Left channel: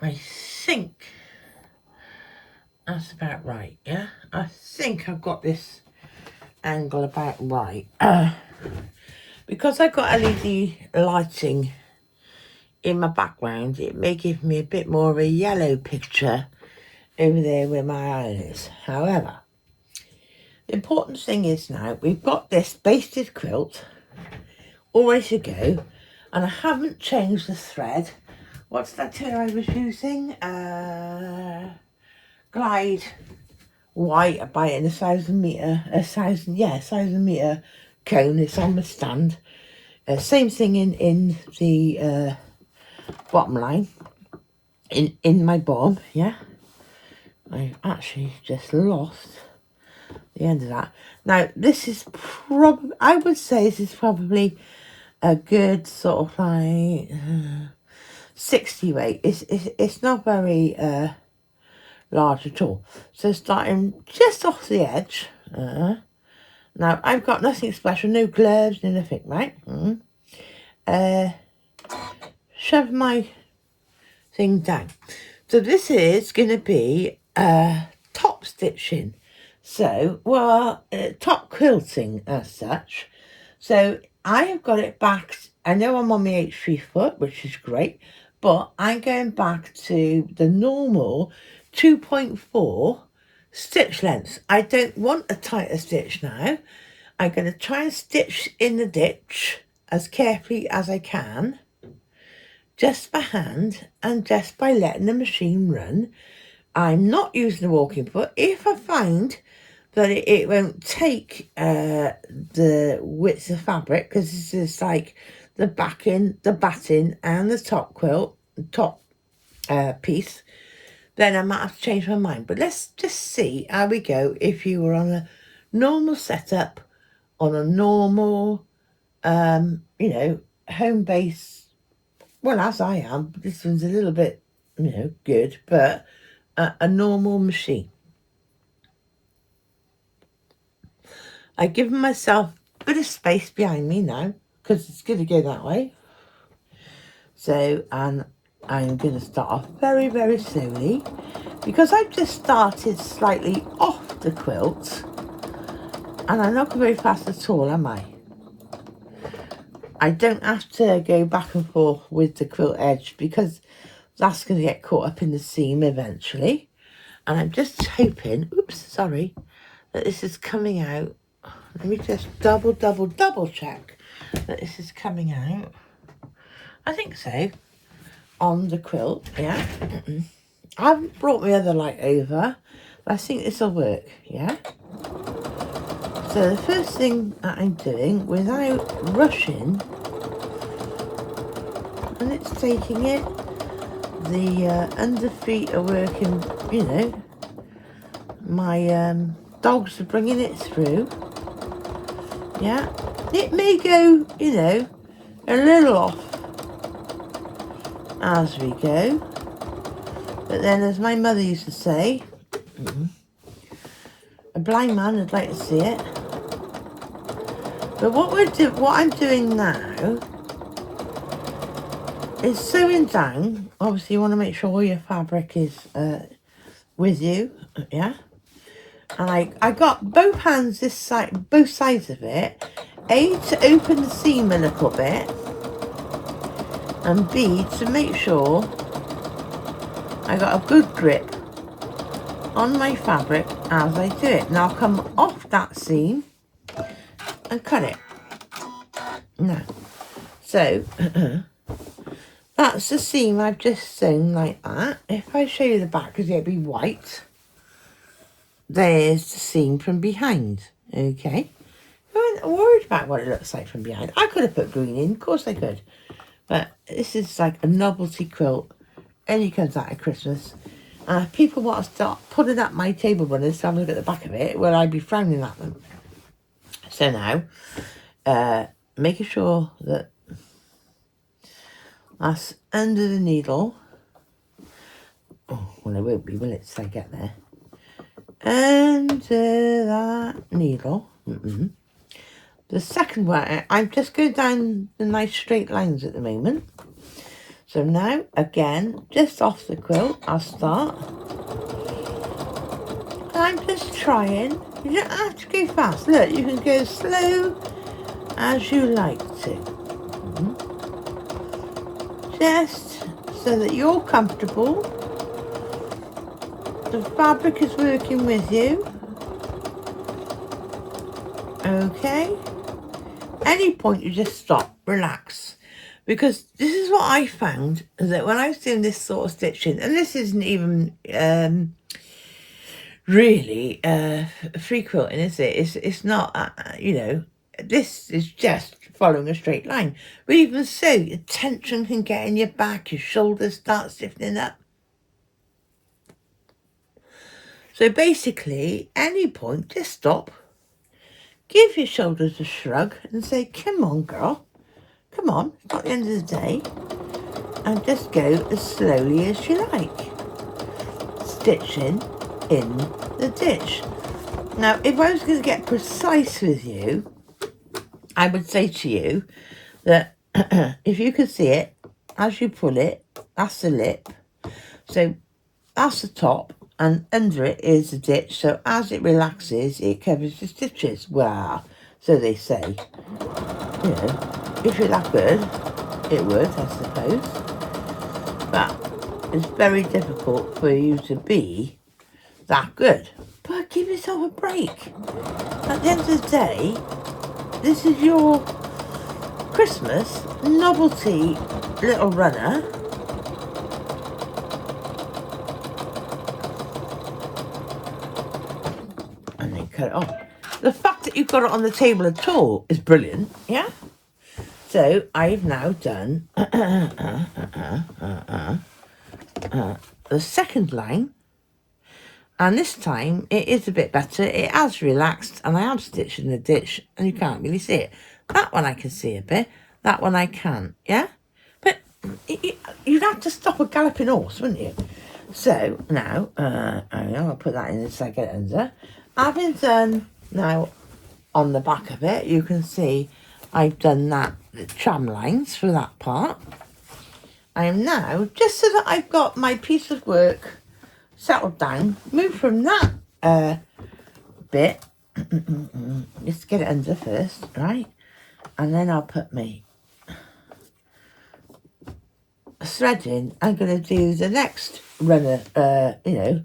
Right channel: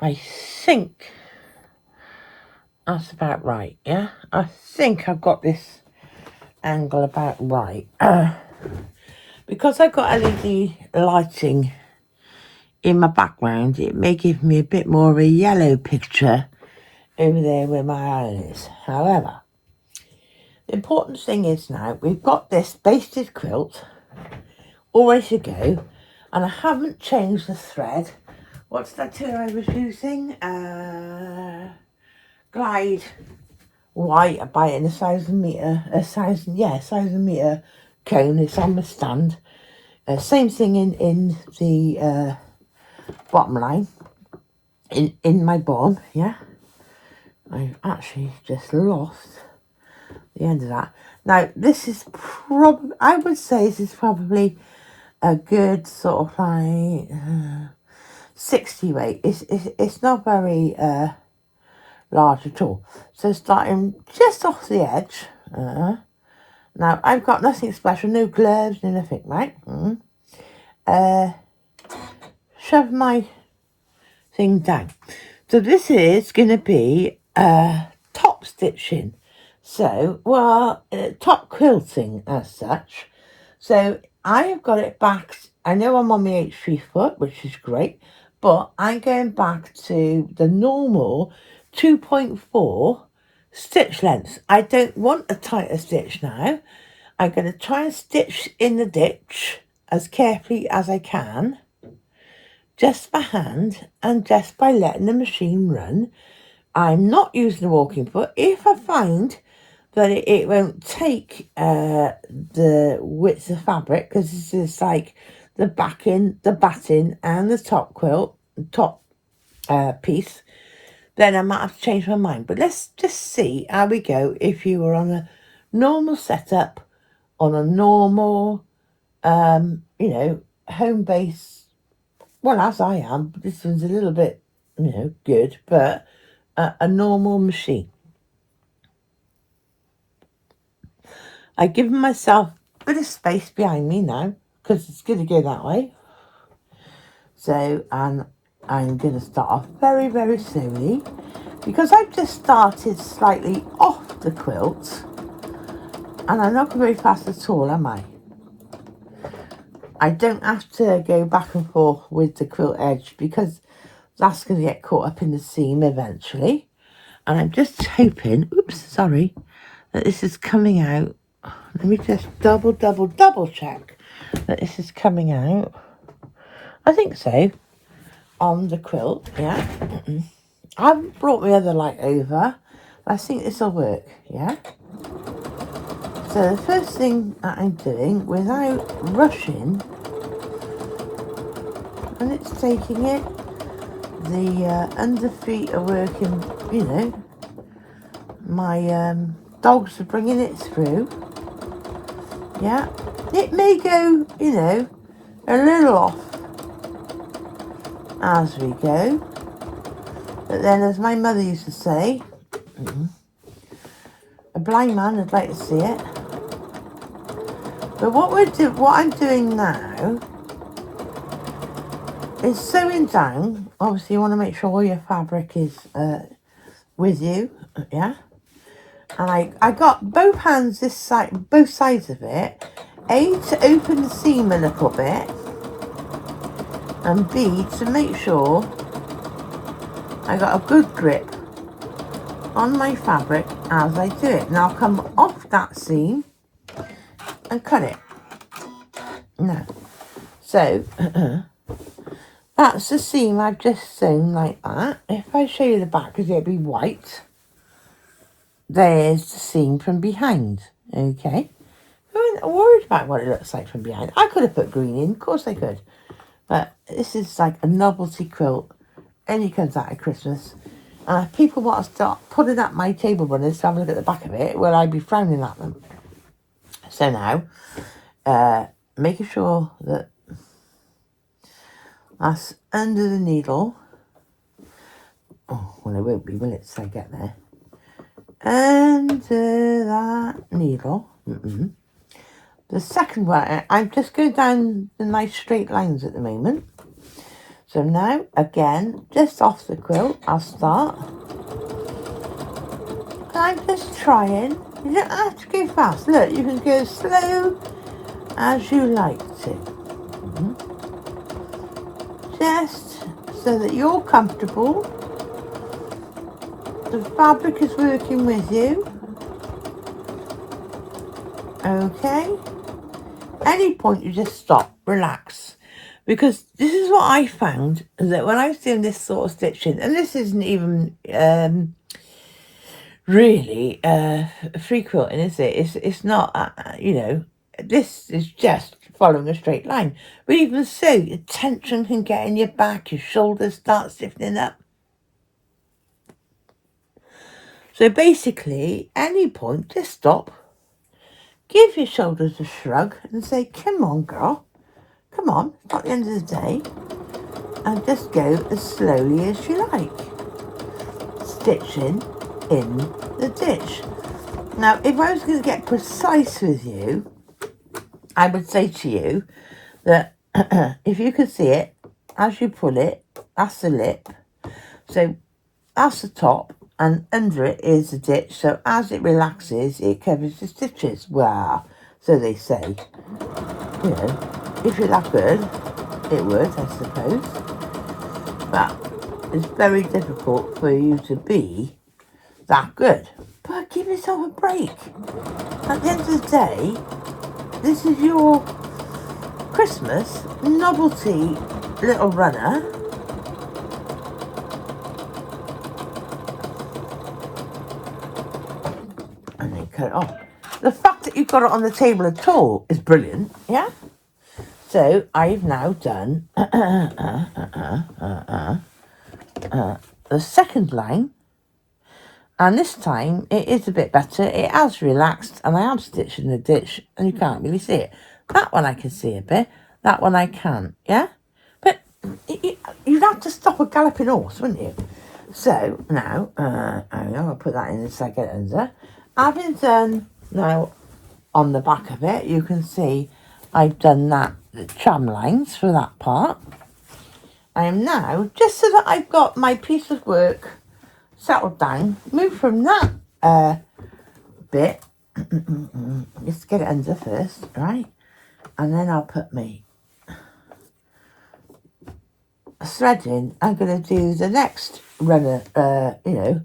I think that's about right, yeah? I think I've got this angle about right. Because I've got LED lighting in my background, it may give me a bit more of a yellow picture over there where my eye is. However, the important thing is now we've got this basted quilt all ready to go, and I haven't changed the thread. What's that thread I was using? Glide white. I buy it in 1,000 metre cone. It's on the stand. Same thing in the bottom line in my bomb. Yeah, I've actually just lost the end of that. Now this is probably, I would say this is probably a good sort of like 60 weight. It's not very large at all. So starting just off the edge. Now I've got nothing special, no gloves, no nothing, right? Shove my thing down. So this is going to be top stitching. So, well, top quilting as such. So I have got it back. I know I'm on my H3 foot, which is great, but I'm going back to the normal 2.4 stitch length. I don't want a tighter stitch now. I'm going to try and stitch in the ditch as carefully as I can, just by hand and just by letting the machine run. I'm not using a walking foot. If I find that it won't take the width of fabric, because this is like the backing, the batting and the top quilt, top piece, then I might have to change my mind. But let's just see how we go if you were on a normal setup, on a normal, home base. Well, as I am, this one's a little bit, good, but a normal machine. I've given myself a bit of space behind me now, because it's going to go that way. So, and I'm going to start off very, very slowly, because I've just started slightly off the quilt, and I'm not going very fast at all, am I? I don't have to go back and forth with the quilt edge, because that's going to get caught up in the seam eventually. And I'm just hoping, that this is coming out. Let me just double check that this is coming out. I think so. On the quilt, yeah. I haven't brought my other light over, but I think this will work, yeah. So the first thing that I'm doing, without rushing, and it's taking it, the underfeet are working, my dogs are bringing it through, yeah. It may go, a little off as we go, but then, as my mother used to say, a blind man would like to see it. But what I'm doing now is sewing down. Obviously, you want to make sure all your fabric is with you, yeah. And I got both hands this side, both sides of it, A, to open the seam a little bit, and B, to make sure I got a good grip on my fabric as I do it. Now I'll come off that seam and cut it. Now, so that's the seam I've just sewn like that. If I show you the back, because it'll be white, there's the seam from behind. Okay, I'm not worried about what it looks like from behind. I could have put green in, of course I could, but this is like a novelty quilt, only comes out at Christmas. If people want to start putting up my table runners to have a look at the back of it, well, I'd be frowning at them. So now, making sure that that's under the needle. Oh, well, it won't be, will it, till I get there? Under that needle. The second one, I'm just going down the nice straight lines at the moment. So now, again, just off the quilt, I'll start. I'm just trying. You don't have to go fast. Look, you can go slow as you like to. Just so that you're comfortable. The fabric is working with you. Okay. Any point you just stop, relax. Because this is what I found, that when I was doing this sort of stitching, and this isn't even really free quilting, is it? It's not, you know, this is just following a straight line. But even so, your tension can get in your back, your shoulders start stiffening up. So basically, any point, just stop, give your shoulders a shrug and say, come on, girl, come on, it's not the end of the day. And just go as slowly as you like, stitching in the ditch. Now, if I was going to get precise with you, I would say to you that if you could see it, as you pull it, that's the lip. So that's the top, and under it is the ditch. So as it relaxes, it covers the stitches. Well, so they say. You know, if you're that good, it would, I suppose. But it's very difficult for you to be that good. But give yourself a break. At the end of the day, this is your Christmas novelty little runner. And then cut it off. The fact that you've got it on the table at all is brilliant, yeah? So I've now done the second line, and this time it is a bit better. It has relaxed, and I am stitching the ditch, and you can't really see it. That one I can see a bit, that one I can't, yeah? But you'd have to stop a galloping horse, wouldn't you? So now, I'll put that in a second under. Having done now on the back of it, you can see I've done the tram lines for that part. I am now, just so that I've got my piece of work settled down, move from that bit, just get it under first, right? And then I'll put my thread in. I'm going to do the next runner, you know,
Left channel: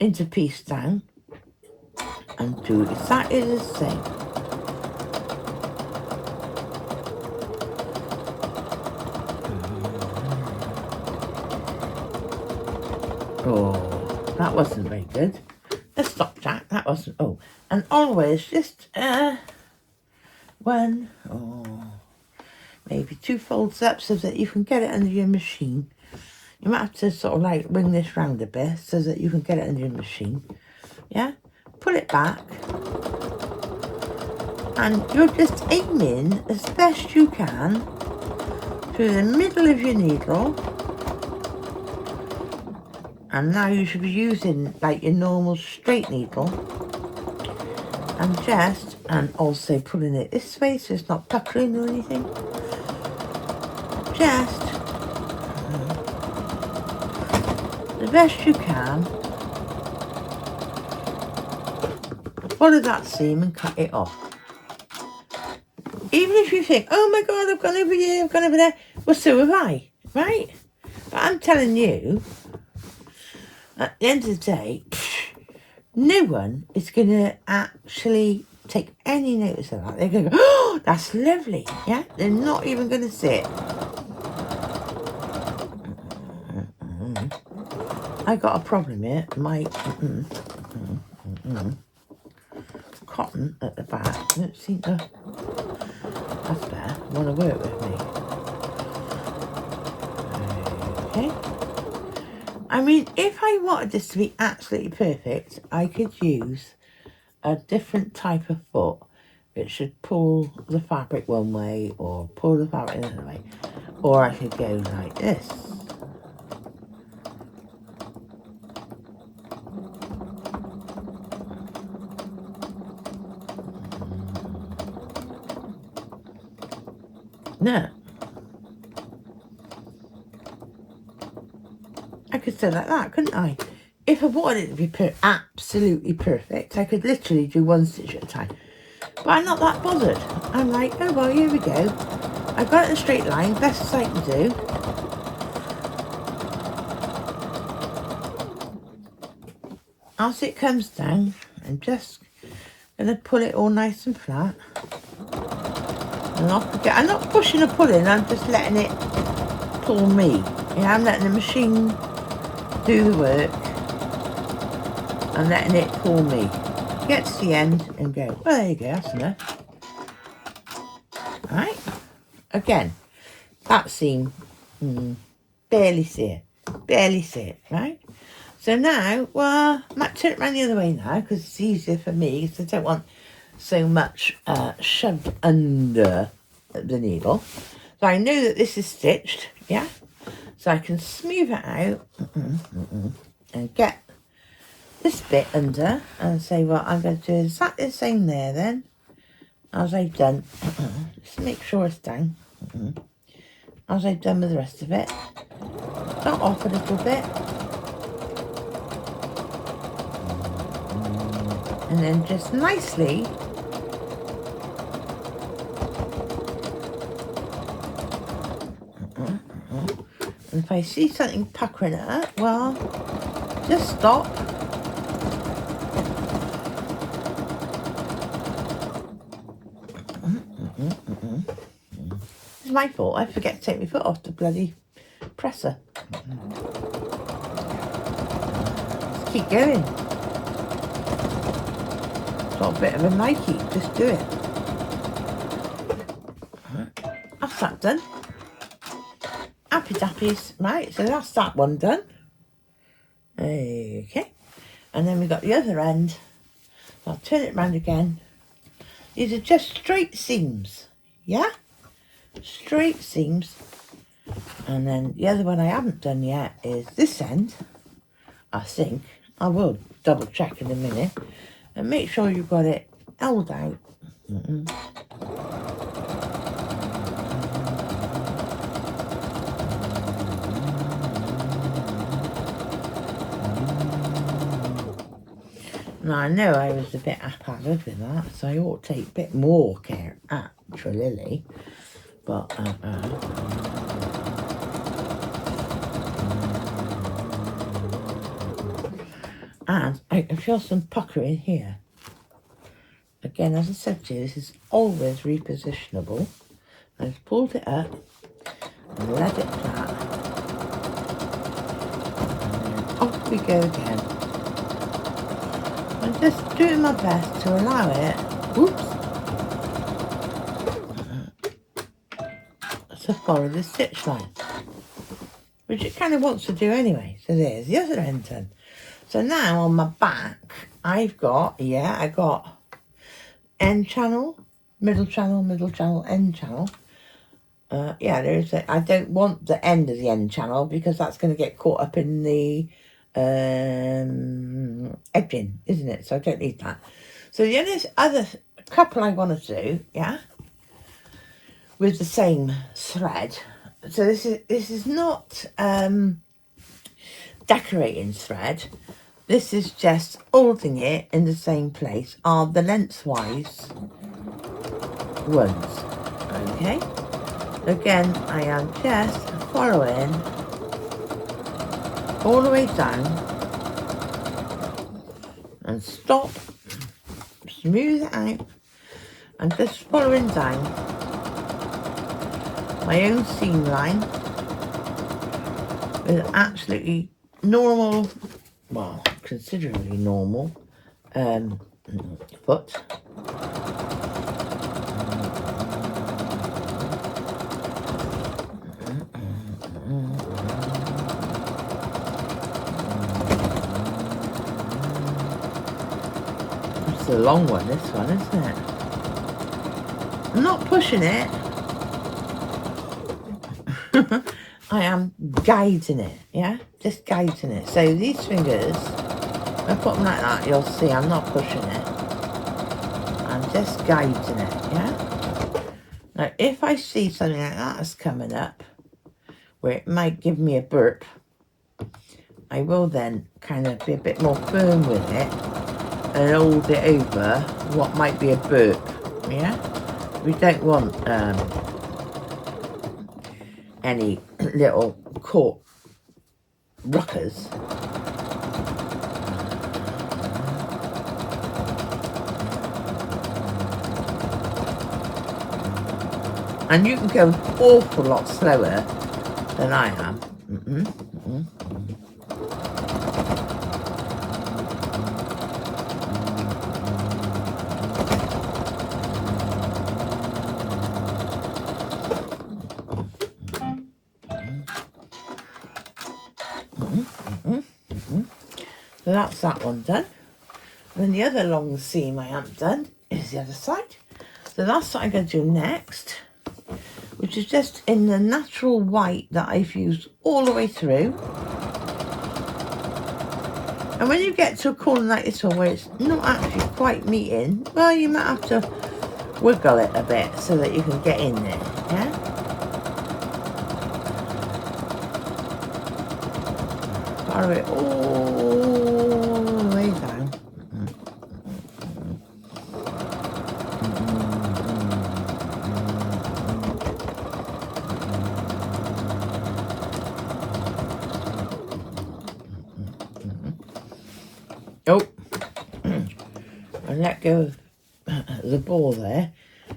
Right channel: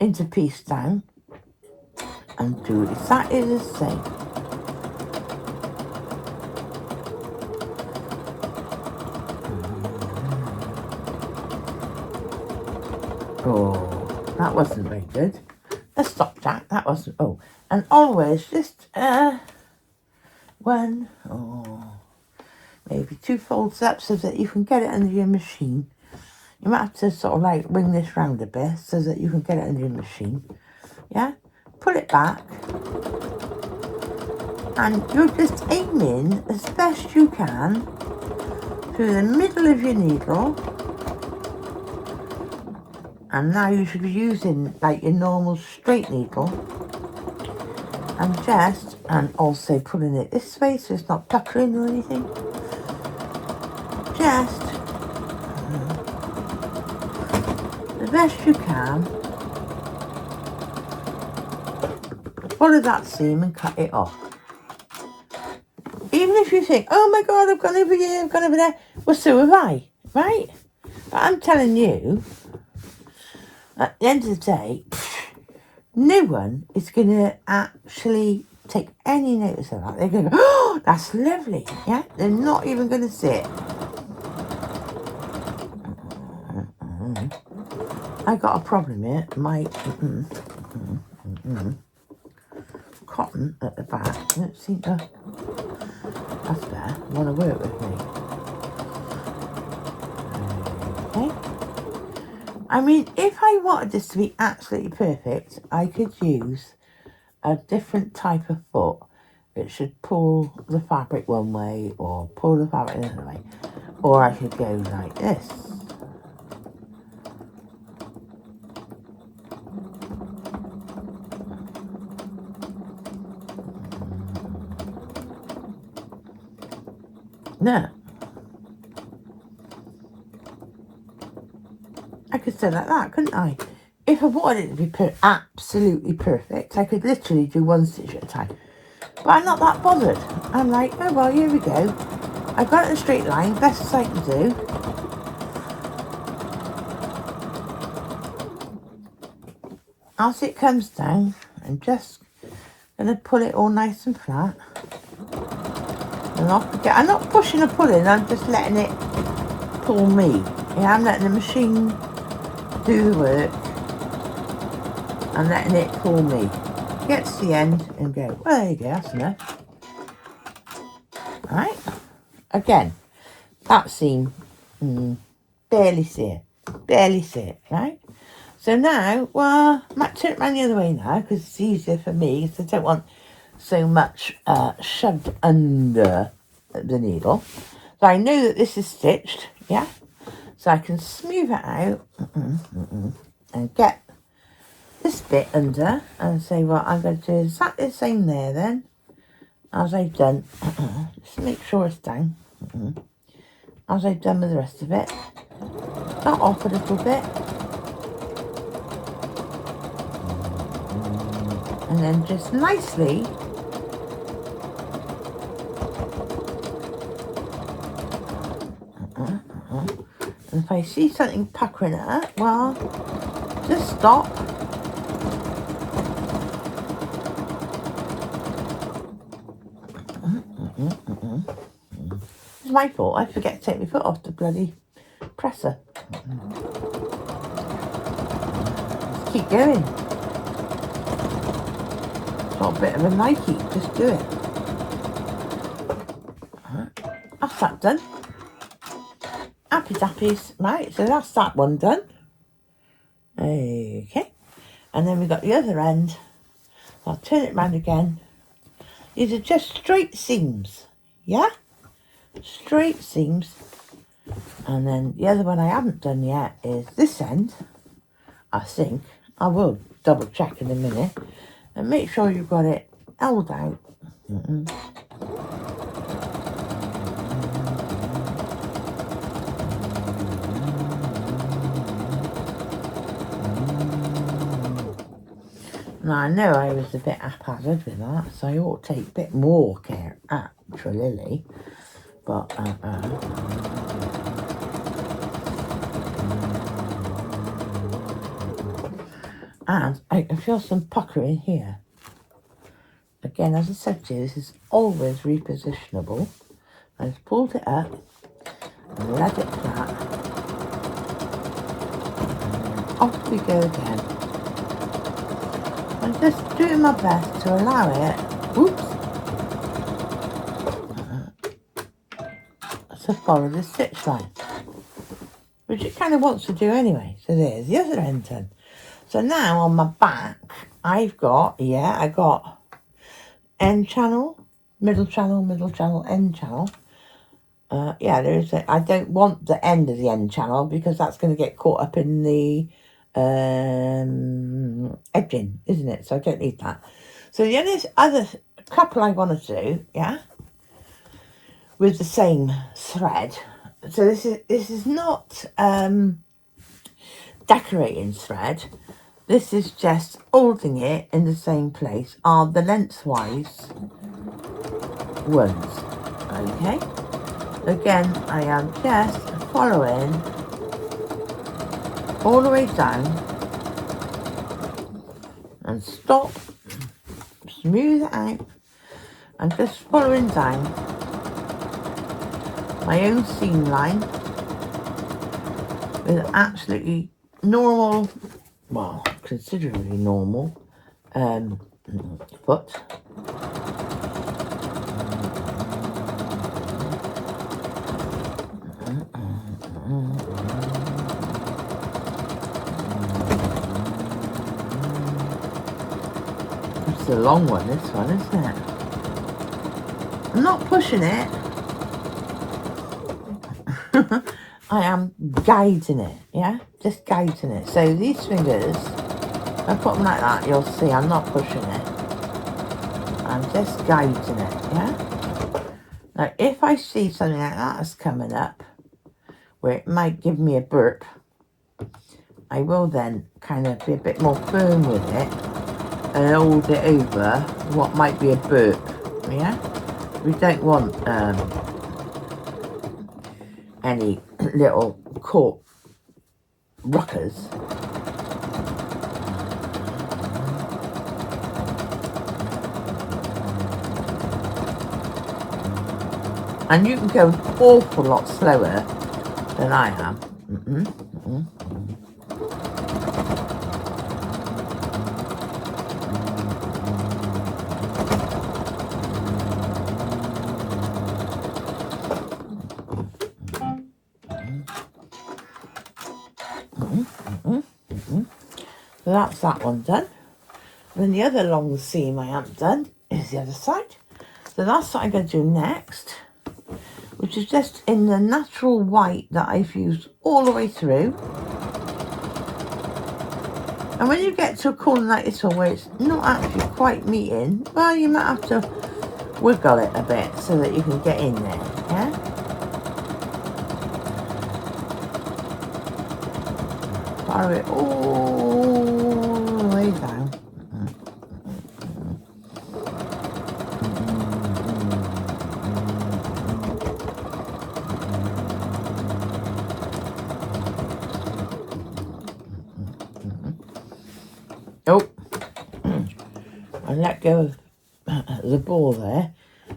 into piece down, and do exactly the same. Oh, that wasn't very good. Let's stop that. That wasn't. Oh, and always just one or maybe two folds up so that you can get it under your machine. You might have to sort of like wing this round a bit so that you can get it under your machine. Yeah, pull it back, and you're just aiming as best you can through the middle of your needle. And now you should be using like your normal straight needle, and also pulling it this way so it's not puckering or anything. Just the best you can, follow that seam and cut it off. Even if you think, oh my God, I've gone over here, I've gone over there, well, so have I, right? But I'm telling you, at the end of the day, no one is going to actually take any notice of that. They're going to go, oh, that's lovely. Yeah, they're not even going to see it. I got a problem here. My cotton at the back don't seem to. That's better. Want to work with me? Okay. I mean, if I wanted this to be absolutely perfect, I could use a different type of foot. It should pull the fabric one way or pull the fabric the other way. Or I could go like this. No. I could sew like that, couldn't I? If I wanted it to be absolutely perfect, I could literally do one stitch at a time. But I'm not that bothered. I'm like, oh well, here we go. I got it in a straight line, best as I can do. As it comes down, I'm just going to pull it all nice and flat. And off we go. I'm not pushing or pulling, I'm just letting it pull me. Yeah, I'm letting the machine do the work. I'm letting it pull me. Get to the end and go, well, there you go, that's enough. Right? Again, that seam, barely see it, right? So now, well, I might turn it around the other way now because it's easier for me because I don't want so much shoved under the needle. So I know that this is stitched, yeah? So I can smooth it out and get this bit under and say, well, I'm going to do exactly the same there then as I've done. Just make sure it's down. As I've done with the rest of it. Start off a little bit. And then just nicely and if I see something puckering at it, well, just stop. It's my fault. I forget to take my foot off the bloody presser. Just keep going. Got a bit of a Nike. Just do it. That's that done. Happy dappies. Right, so that's that one done. Okay. And then we got the other end. I'll turn it round again. These are just straight seams. Yeah? Straight seams. And then the other one I haven't done yet is this end. I think. I will double check in a minute. And make sure you've got it held out. Now I know I was a bit haphazard with that, so I ought to take a bit more care, actually. But and I can feel some pucker in here. Again, as I said to you, this is always repositionable. I just pulled it up and let it flat. And off we go again. I'm just doing my best to allow it, to follow the stitch line, which it kind of wants to do anyway. So there's the other end done. So now on my back, I've got, I got end channel, middle channel, end channel. There's I don't want the end of the end channel because that's going to get caught up in the edging, isn't it? So I don't need that. So the other couple I want to do, with the same thread. So this is not decorating thread. This is just holding it in the same place. Are the lengthwise ones. Okay. Again, I am just following all the way down and stop, smooth it out, and just following down my own seam line with absolutely normal, well, considerably normal foot. It's a long one, this one, isn't it? I'm not pushing it. I am guiding it, just guiding it. So these fingers, I put them like that, you'll see I'm not pushing it. I'm just guiding it, Now if I see something like that that's coming up, where it might give me a burp, I will then kind of be a bit more firm with it and hold it over what might be a burp. Yeah, we don't want any little caught ruckers. And you can go an awful lot slower than I am. So that's that one done. Then the other long seam I haven't done is the other side. So that's what I'm going to do next, which is just in the natural white that I've used all the way through. And when you get to a corner like this one where it's not actually quite meeting, well, you might have to wiggle it a bit so that you can get in there, yeah? Follow it all the way down. Oh, I let go of the ball there,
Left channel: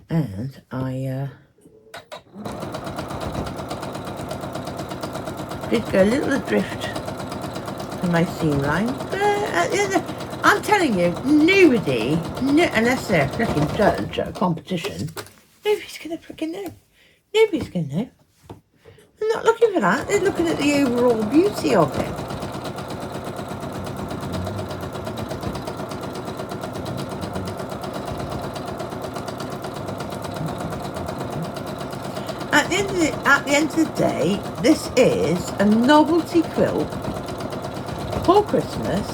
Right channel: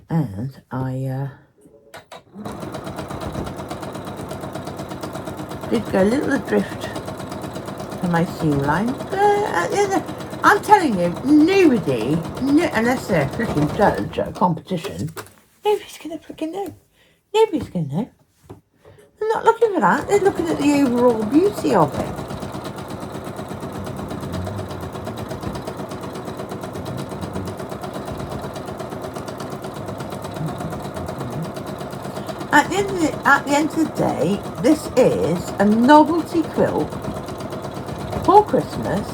and I did go a little adrift to my seam line. I'm telling you, nobody, unless they're a freaking judge at a competition, nobody's going to freaking know. Nobody's going to know. They're not looking for that. They're looking at the overall beauty of it. At the end of the day, this is a novelty quilt for Christmas.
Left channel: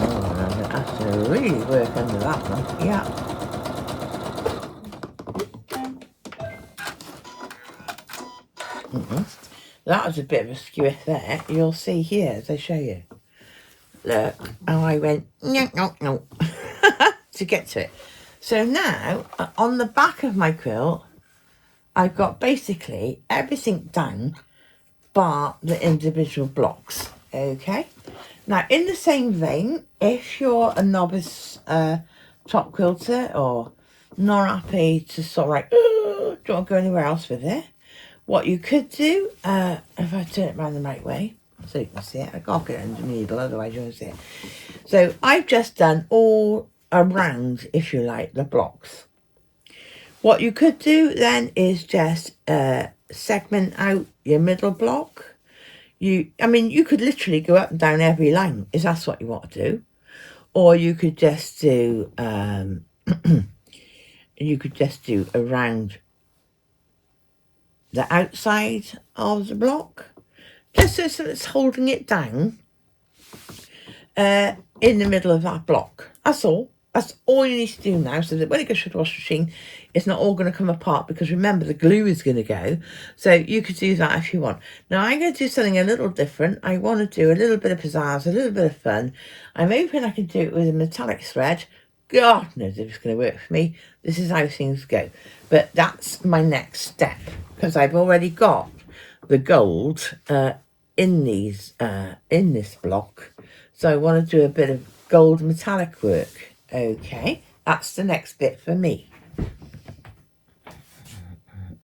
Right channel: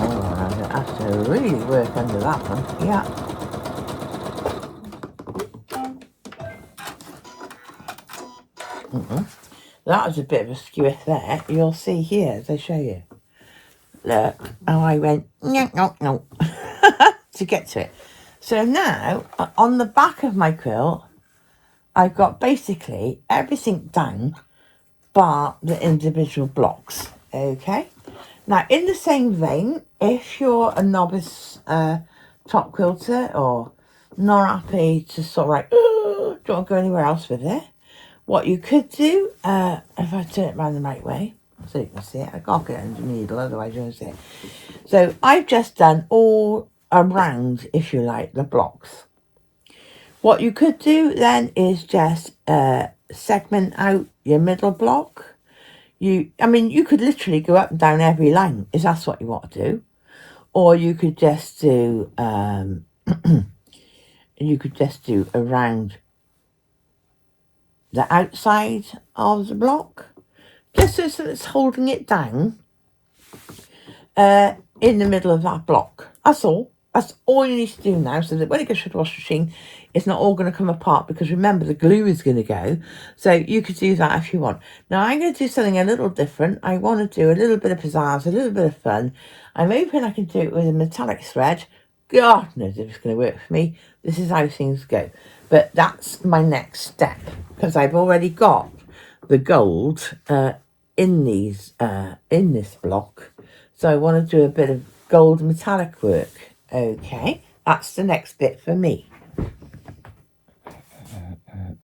Oh, I have to really work under that one. Yeah. That was a bit of a skew there. You'll see here as I show you. Look, and I went no to get to it. So now, on the back of my quilt, I've got basically everything done bar the individual blocks, okay? Now, in the same vein, if you're a novice top quilter or not happy to sort of like, oh, don't go anywhere else with it, what you could do, if I turn it around the right way, so you can see it, I can't get it in the needle, otherwise you won't see it. So I've just done all around, if you like, the blocks. What you could do then is just segment out your middle block. I mean, you could literally go up and down every line if that's what you want to do, or you could just do around the outside of the block, just so it's holding it down in the middle of that block. That's all. That's all you need to do now, so that when it goes through the washing machine, it's not all going to come apart, because remember, the glue is going to go. So you could do that if you want. Now, I'm going to do something a little different. I want to do a little bit of pizzazz, a little bit of fun. I'm hoping I can do it with a metallic thread. God knows if it's going to work for me. This is how things go. But that's my next step, because I've already got the gold in this block. So I want to do a bit of gold metallic work. Okay, that's the next bit for me.